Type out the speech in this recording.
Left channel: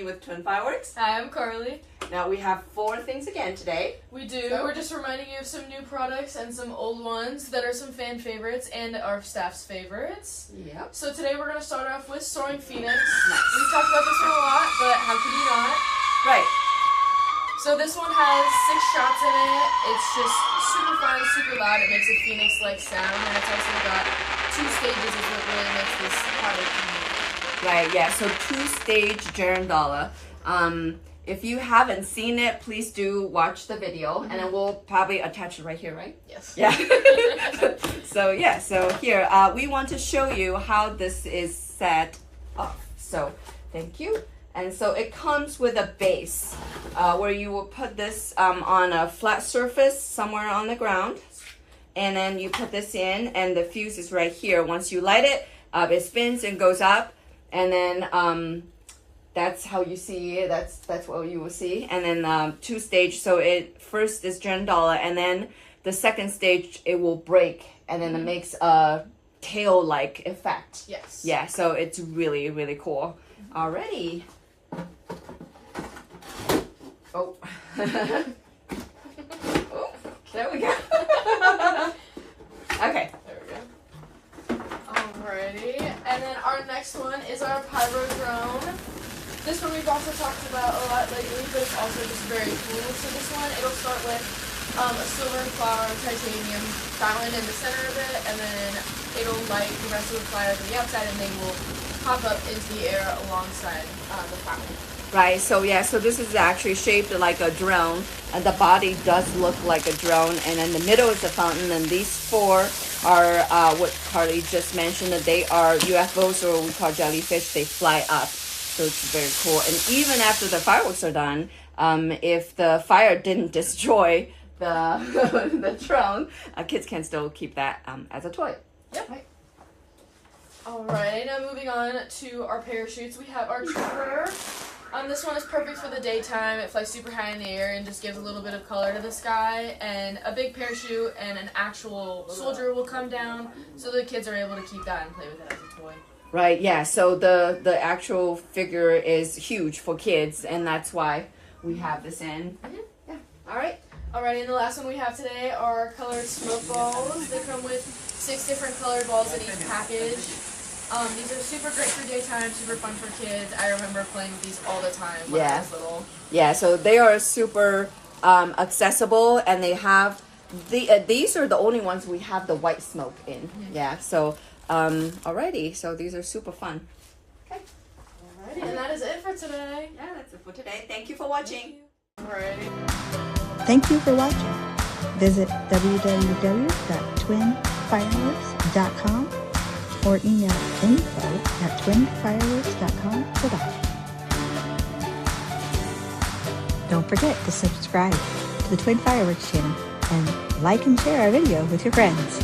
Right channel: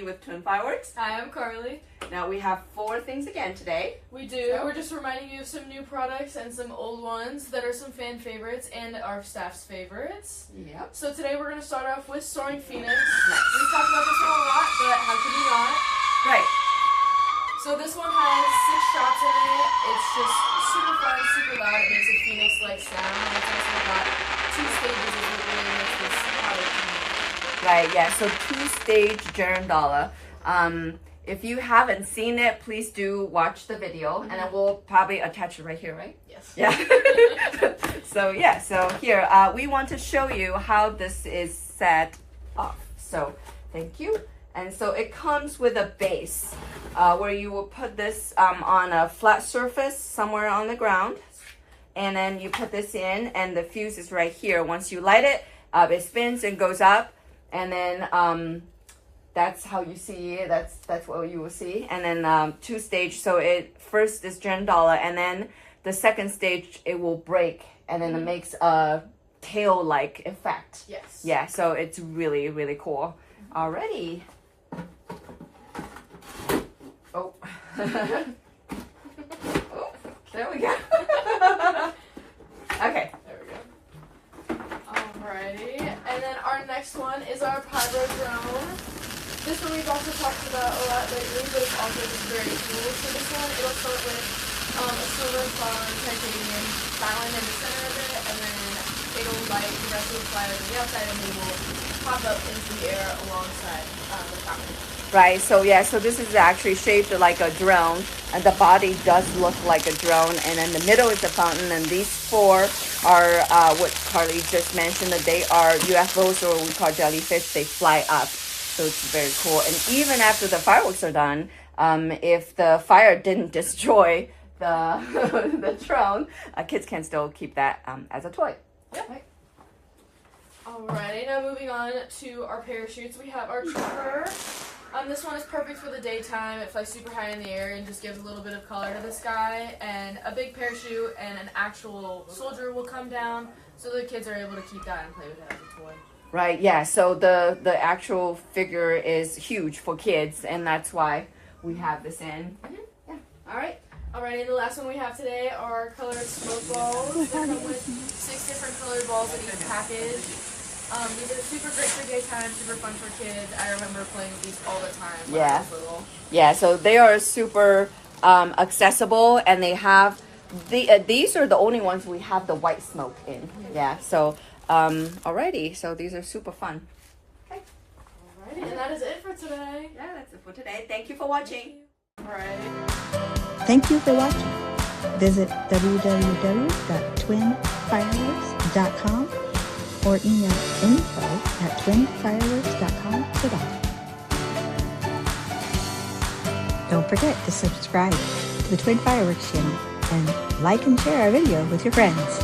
Amy with Twin Fireworks. Hi, I'm Carly. Now we have 4 things again today. We do. We're just reminding you of some new products and some old ones that are some fan favorites and our staff's favorites. Yep. So today we're going to start off with Soaring Phoenix. Nice. We've talked about this one a lot, but how could you not? Right. So this one has 6 shots in it. It's just super fun, super loud. It makes a phoenix-like sound, and it's also got 2 stages is what really makes this product unique. Right, yeah, so 2-stage girandola. If you haven't seen it, please do watch the video, and then we'll probably attach it right here, right? Yes. Yeah. So here, we want to show you how this is set up. So, thank you. And so it comes with a base where you will put this on a flat surface somewhere on the ground. And then you put this in, and the fuse is right here. Once you light it, it spins and goes up. And then that's how you see it. That's what you will see. And then 2-stage. So it first is girandola, and then the second stage it will break, and then it makes a tail-like effect. Yes. Yeah. So it's really, really cool. Alrighty. Oh. Oh, there we go. Okay. There we go. Alrighty. And then our next one is our PYRO drone. This one we've also talked about a lot lately, but it's also just very cool. So this one, it'll start with a silver and titanium battling in the center of it, and then it'll light the rest of the fire to the outside, and they will pop up into the air alongside the fountain. Right, so yeah, so this is actually shaped like a drone, and the body does look like a drone, and in the middle is the fountain, and these 4 are what Carly just mentioned, that they are UFOs, or we call jellyfish. They fly up, so it's very cool. And even after the fireworks are done, if the fire didn't destroy the the drone, kids can still keep that as a toy. Yep. Right. Alright, now moving on to our parachutes, we have our trooper. This one is perfect for the daytime. It flies super high in the air and just gives a little bit of color to the sky. And a big parachute and an actual soldier will come down, so the kids are able to keep that and play with it as a toy. Right, yeah, so the actual figure is huge for kids, and that's why we have this in. Yeah, alright. Alrighty, and the last one we have today are colored smoke balls. They come with 6 different colored balls in each package. These are super great for daytime, super fun for kids. I remember playing with these all the time when I was little. Yeah, so they are super accessible, and they have these are the only ones we have the white smoke in. Yeah, so alrighty, so these are super fun. Okay. Alrighty, and that is it for today. Yeah, that's it for today. Thank you for watching. Alright. Thank you for watching. Visit www.twinfireworks.com or email info@twinfireworks.com to buy. Don't forget to subscribe to the Twin Fireworks channel and like and share our video with your friends.